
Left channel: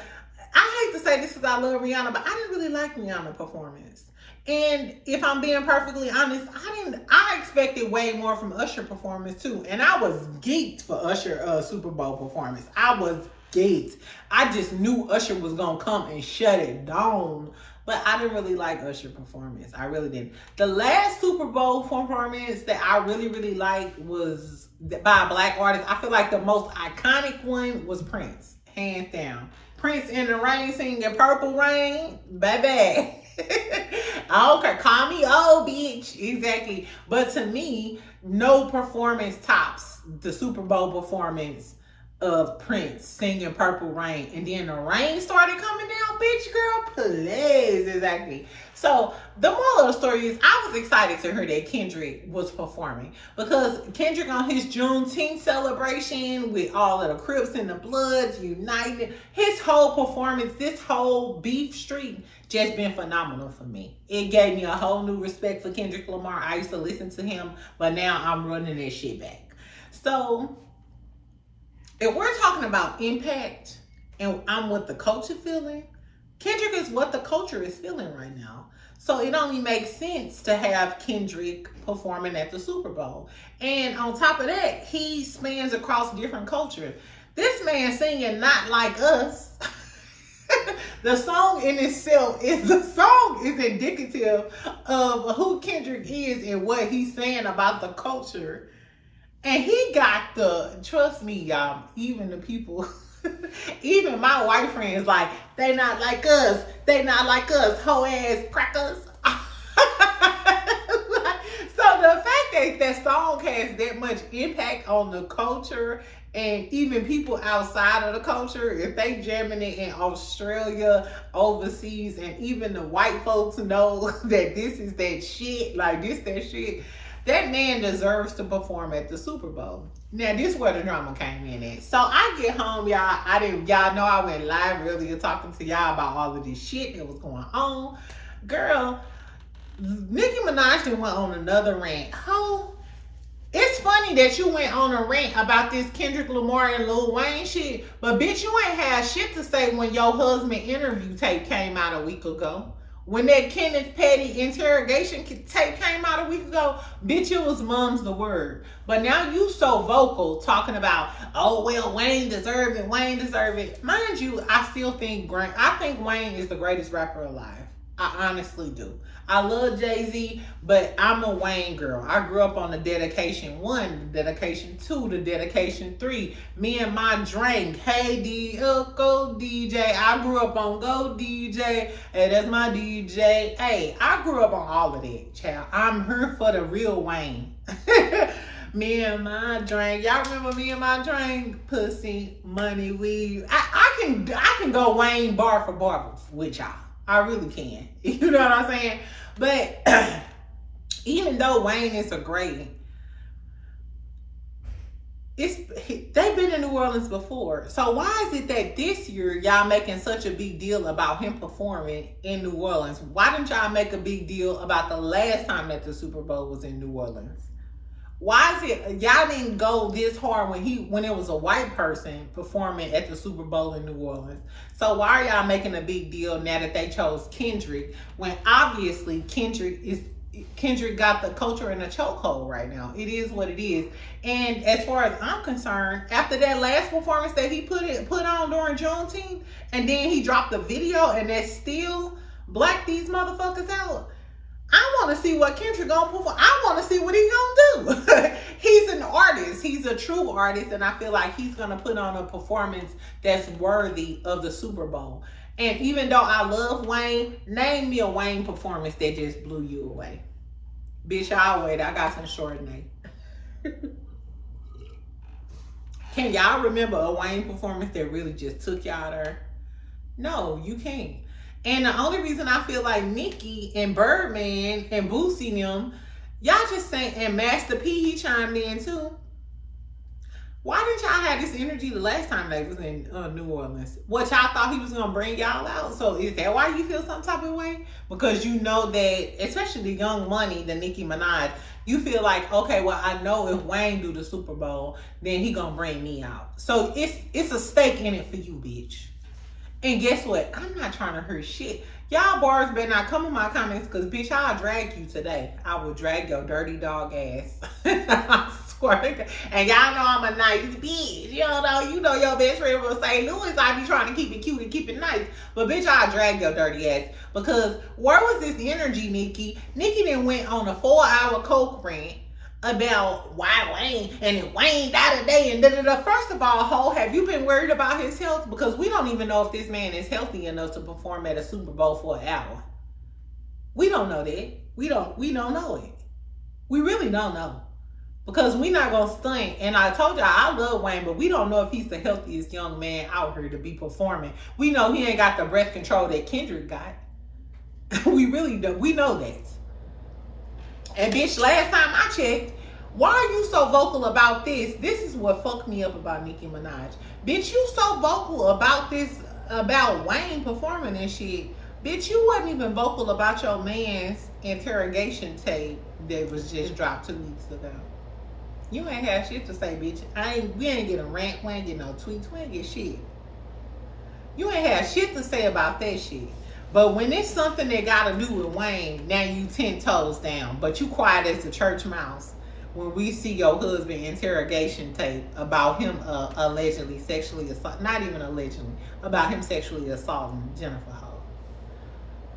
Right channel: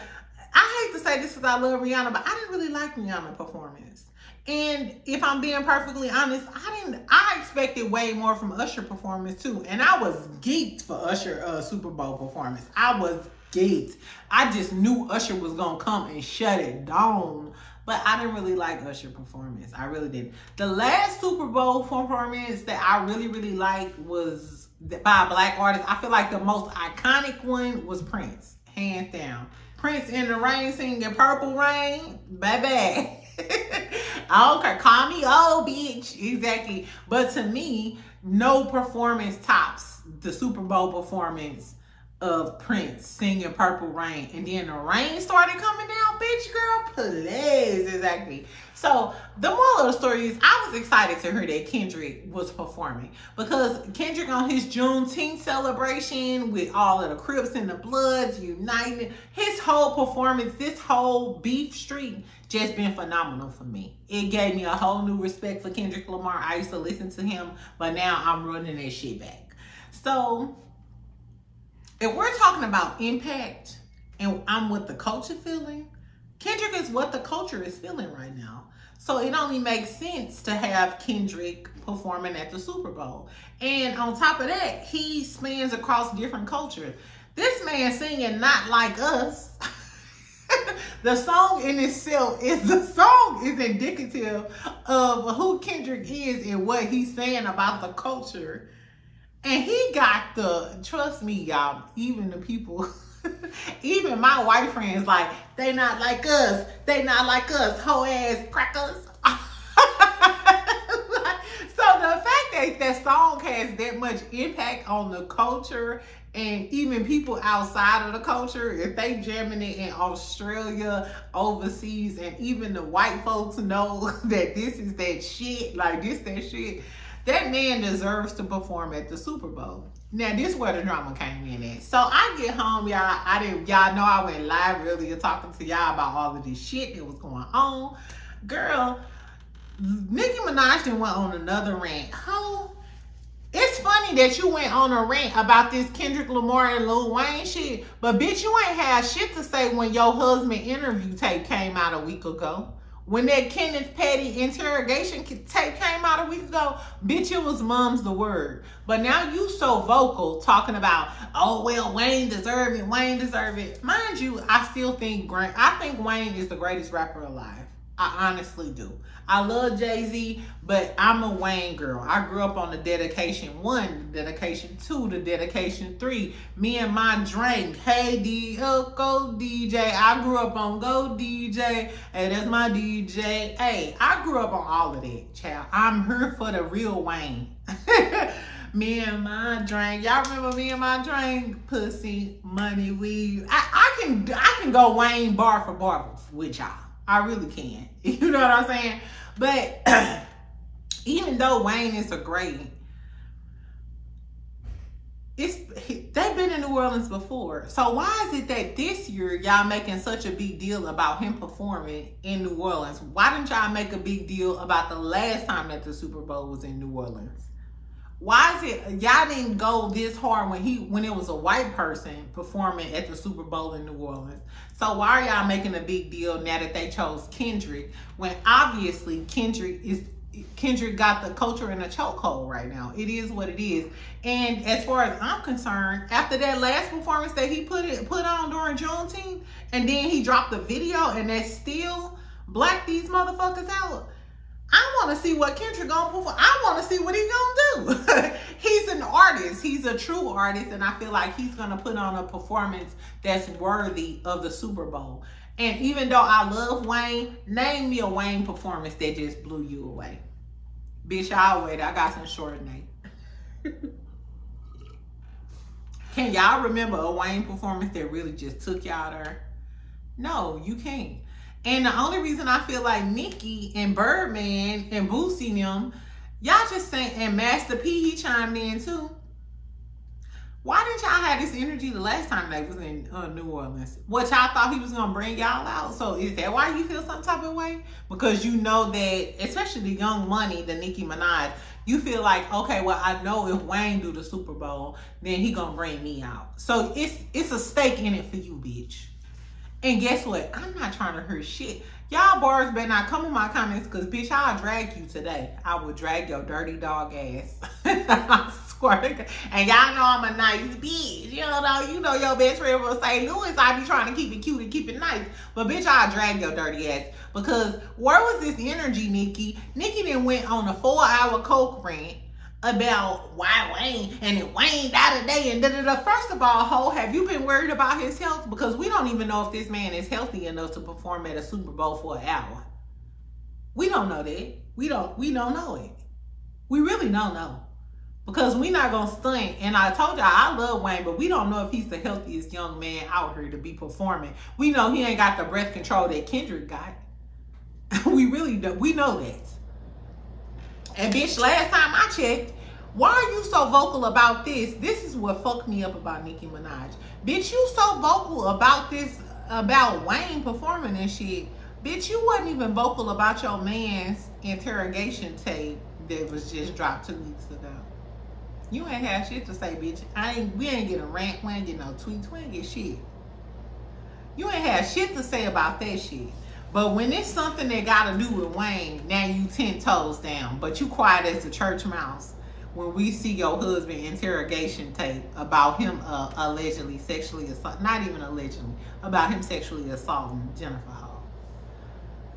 I hate to say this because I love Rihanna, but I didn't really like Rihanna's performance. And if I'm being perfectly honest, I expected way more from Usher's performance too. And I was geeked for Usher's Super Bowl performance. I was geeked. I just knew Usher was going to come and shut it down. But I didn't really like Usher's performance. I really didn't. The last Super Bowl performance that I really, really liked was by a black artist. I feel like the most iconic one was Prince, hands down. Prince in the Rain singing Purple Rain, baby. I don't care. Call me old bitch. Exactly. But to me, no performance tops the Super Bowl performance of Prince singing Purple Rain. And then the rain started coming down, bitch, girl. Please. Exactly. So the moral of the story is I was excited to hear that Kendrick was performing because Kendrick on his Juneteenth celebration with all of the Crips and the Bloods united, his whole performance, this whole beef streak just been phenomenal for me. It gave me a whole new respect for Kendrick Lamar. I used to listen to him, but now I'm running that shit back. So if we're talking about impact and I'm what the culture feeling, Kendrick is what the culture is feeling right now. So it only makes sense to have Kendrick performing at the Super Bowl. And on top of that, he spans across different cultures. This man singing Not Like Us. The song in itself is indicative of who Kendrick is and what he's saying about the culture. And he got trust me, y'all, even the people, even my white friends, like, they not like us. They not like us, hoe ass crackers. So the fact that that song has that much impact on the culture and even people outside of the culture, if they jamming it in Australia, overseas, and even the white folks know that this is that shit, like this, that shit, that man deserves to perform at the Super Bowl. Now, this is where the drama came in at. So I get home, y'all. Y'all know I went live earlier talking to y'all about all of this shit that was going on. Girl, Nicki Minaj went on another rant. It's funny that you went on a rant about this Kendrick Lamar and Lil Wayne shit, but bitch, you ain't had shit to say when your husband interview tape came out a week ago. When that Kenneth Petty interrogation tape came out a week ago, bitch, it was mum's the word. But now you so vocal talking about, oh, well, Wayne deserve it, Wayne deserve it. Mind you, I still think Wayne is the greatest rapper alive. I honestly do. I love Jay-Z, but I'm a Wayne girl. I grew up on the Dedication 1, the Dedication 2, the Dedication 3. Me and my drink, hey go DJ. I grew up on Go DJ. Hey, that's my DJ. Hey, I grew up on all of that, child. I'm here for the real Wayne. Me and my drink. Y'all remember me and my drink? Pussy, money, weed. I can go Wayne bar for bar with y'all. I really can. You know what I'm saying? But even though Wayne is a great, they've been in New Orleans before. So why is it that this year y'all making such a big deal about him performing in New Orleans? Why didn't y'all make a big deal about the last time that the Super Bowl was in New Orleans? Why is it y'all didn't go this hard when it was a white person performing at the Super Bowl in New Orleans? So why are y'all making a big deal now that they chose Kendrick, when obviously Kendrick got the culture in a chokehold right now? It is what it is. And as far as I'm concerned, after that last performance that he put on during Juneteenth, and then he dropped the video and that still blacked these motherfuckers out, I want to see what Kendrick gonna perform. I want to see what he gonna do. He's an artist. He's a true artist, and I feel like he's gonna put on a performance that's worthy of the Super Bowl. And even though I love Wayne, name me a Wayne performance that just blew you away. Bitch, I'll wait. I got some Chardonnay. Can y'all remember a Wayne performance that really just took y'all there? No, you can't. And the only reason I feel like Nicki and Birdman and Boosie them, y'all just saying, and Master P, he chimed in too. Why didn't y'all have this energy the last time they was in New Orleans? What, y'all thought he was gonna bring y'all out? So is that why you feel some type of way? Because you know that, especially the Young Money, the Nicki Minaj, you feel like, okay, well, I know if Wayne do the Super Bowl, then he gonna bring me out. So it's a stake in it for you, bitch. And guess what? I'm not trying to hurt shit. Y'all bars better not come in my comments, because bitch, I'll drag you today. I will drag your dirty dog ass. I swear to God. And y'all know I'm a nice bitch. You know your best friend from St. Louis. I be trying to keep it cute and keep it nice. But bitch, I'll drag your dirty ass. Because where was this energy, Nicki? Nicki then went on a 4-hour coke rant about why Wayne, and then Wayne died today, and da-da-da. First of all, ho, have you been worried about his health? Because we don't even know if this man is healthy enough to perform at a Super Bowl for an hour. We don't know that. We don't know it. We really don't know. Because we not gonna stunt. And I told y'all I love Wayne, but we don't know if he's the healthiest young man out here to be performing. We know he ain't got the breath control that Kendrick got. We really do. We know that. And bitch, last time I checked, why are you so vocal about this? This is what fucked me up about Nicki Minaj. Bitch, you so vocal about this, about Wayne performing and shit. Bitch, you wasn't even vocal about your man's interrogation tape that was just dropped 2 weeks ago. You ain't have shit to say, bitch. We ain't get a rant, we ain't get no tweets, we ain't get shit. You ain't have shit to say about that shit. But when it's something that got to do with Wayne, now you 10 toes down. But you quiet as the church mouse when we see your husband interrogation tape about him allegedly sexually assault, not even allegedly, about him sexually assaulting Jennifer Ho.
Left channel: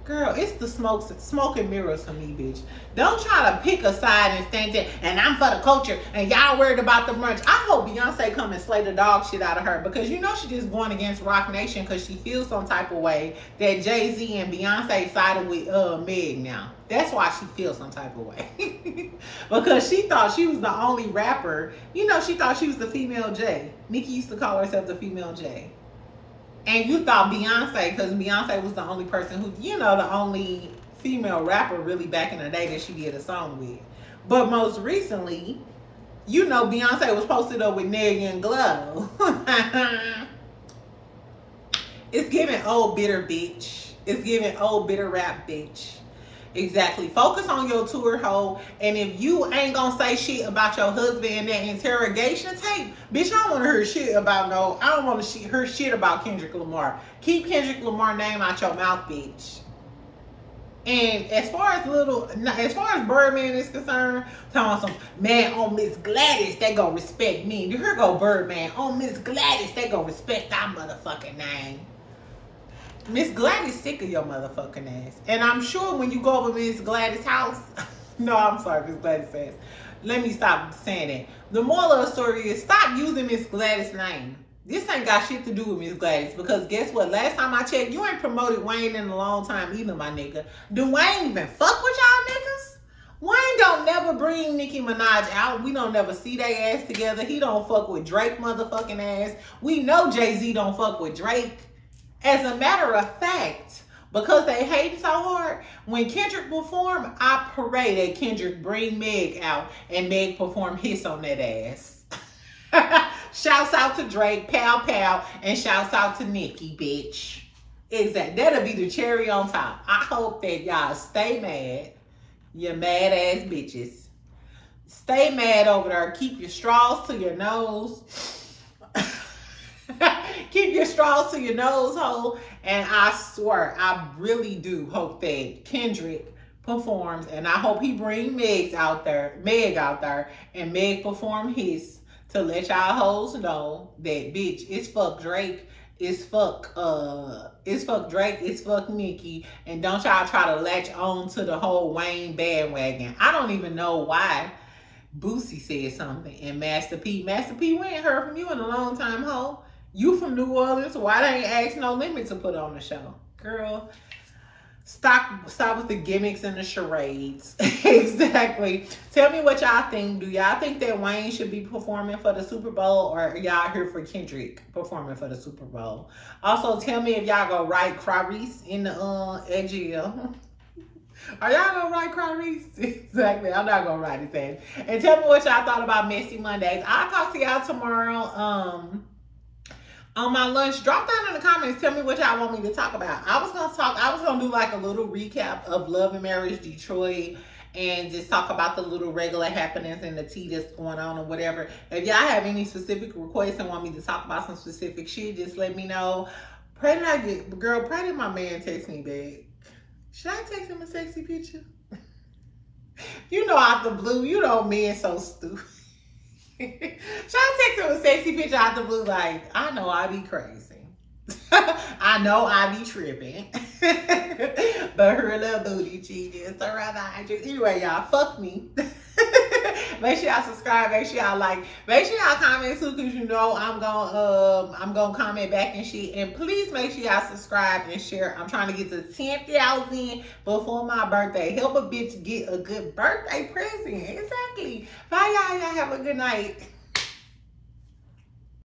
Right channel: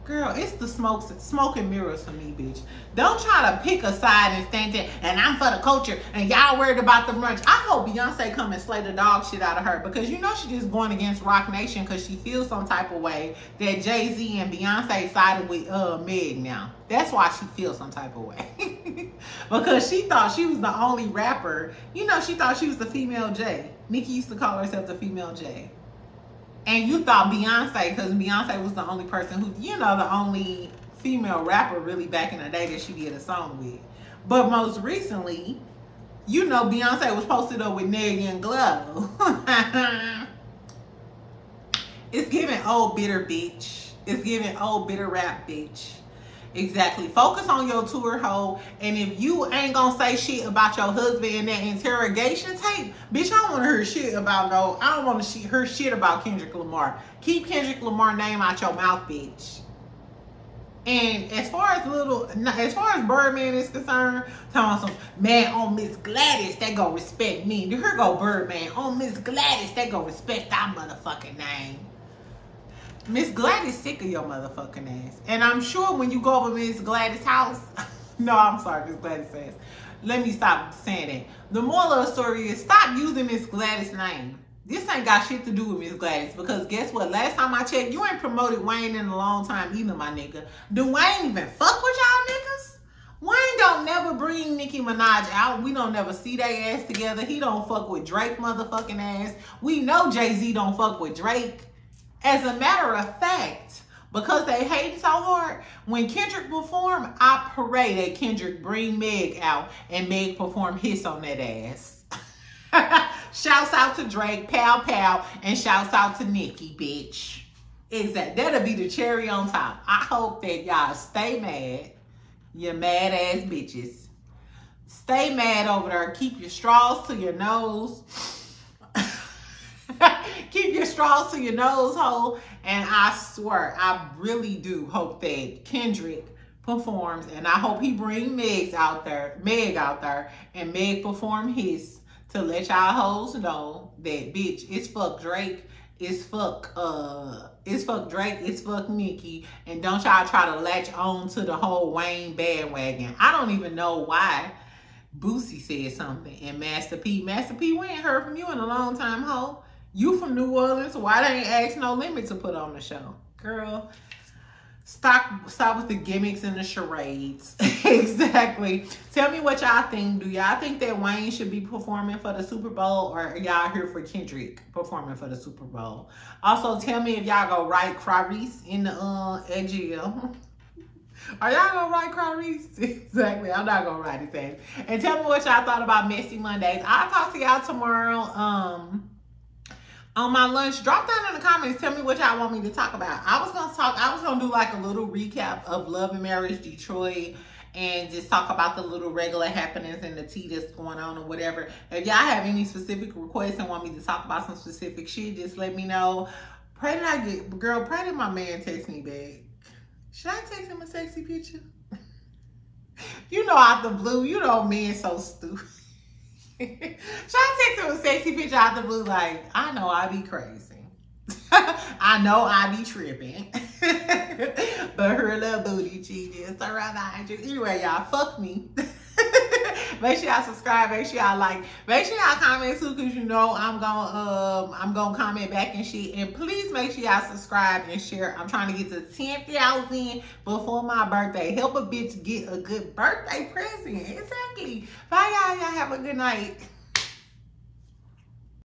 Girl, it's the smoke and mirrors for me, bitch. Don't try to pick a side and stand there, and I'm for the culture, and y'all worried about the brunch. I hope Beyonce come and slay the dog shit out of her, because you know she just going against Rock Nation because she feels some type of way that Jay-Z and Beyonce sided with Meg now. That's why she feels some type of way. Because she thought she was the only rapper. You know, she thought she was the female J. Nicki used to call herself the female J. And you thought Beyonce, because Beyonce was the only person who, you know, the only female rapper really back in the day that she did a song with. But most recently, you know, Beyonce was posted up with Neg and Glow. It's giving old bitter bitch. It's giving old bitter rap bitch. Exactly. Focus on your tour, hoe. And if you ain't gonna say shit about your husband in that interrogation tape, bitch, I don't want to hear shit about I don't want to hear shit about Kendrick Lamar. Keep Kendrick Lamar name out your mouth, bitch. And as far as Birdman is concerned, talking some man on Miss Gladys, they gonna respect me. Here go Birdman on Miss Gladys, they gonna respect our motherfucking name. Miss Gladys sick of your motherfucking ass. And I'm sure when you go over Miss Gladys' house, no, I'm sorry, Miss Gladys' ass. Let me stop saying that. The moral of the story is stop using Miss Gladys' name. This ain't got shit to do with Miss Gladys, because guess what? Last time I checked, you ain't promoted Wayne in a long time either, my nigga. Do Wayne even fuck with y'all niggas? Wayne don't never bring Nicki Minaj out. We don't never see their ass together. He don't fuck with Drake motherfucking ass. We know Jay-Z don't fuck with Drake. As a matter of fact, because they hate so hard, when Kendrick perform, I pray that Kendrick bring Meg out and Meg perform Hiss on that ass. Shouts out to Drake, pow pow, and shouts out to Nicki, bitch. Exactly. That'll be the cherry on top. I hope that y'all stay mad. You mad ass bitches. Stay mad over there. Keep your straws to your nose. Keep your straws to your nose hole. And I swear, I really do hope that Kendrick performs. And I hope he bring Meg out there, and Meg perform his. To let y'all hoes know that, bitch, it's fuck Drake, it's fuck Drake, it's fuck Nicki, and don't y'all try to latch on to the whole Wayne bandwagon. I don't even know why Boosie said something, and Master P, we ain't heard from you in a long time, ho. You from New Orleans, why they ain't asked No Limit to put on the show? Girl, stop with the gimmicks and the charades. Exactly. Tell me what y'all think. Do y'all think that Wayne should be performing for the Super Bowl, or are y'all here for Kendrick performing for the Super Bowl? Also, tell me if y'all gonna write Tyrese in the AGL. Are y'all gonna write Tyrese? Exactly. I'm not gonna write his ass. And tell me what y'all thought about Messy Mondays. I'll talk to y'all tomorrow. On my lunch, drop down in the comments. Tell me what y'all want me to talk about. I was gonna do like a little recap of Love and Marriage Detroit and just talk about the little regular happenings and the tea that's going on or whatever. If y'all have any specific requests and want me to talk about some specific shit, just let me know. Pray that my man text me back. Should I text him a sexy picture? You know, out the blue, you know, men so stupid. Should I text him a sexy picture out the blue like, I know I be crazy. I know I be tripping. But her little booty cheating. So rather I just, anyway, y'all, fuck me. Make sure y'all subscribe, make sure y'all like, make sure y'all comment too, because you know I'm gonna comment back and shit. And please make sure y'all subscribe and share. I'm trying to get to 10,000 before my birthday. Help a bitch get a good birthday present. Exactly. Bye y'all. Y'all have a good night.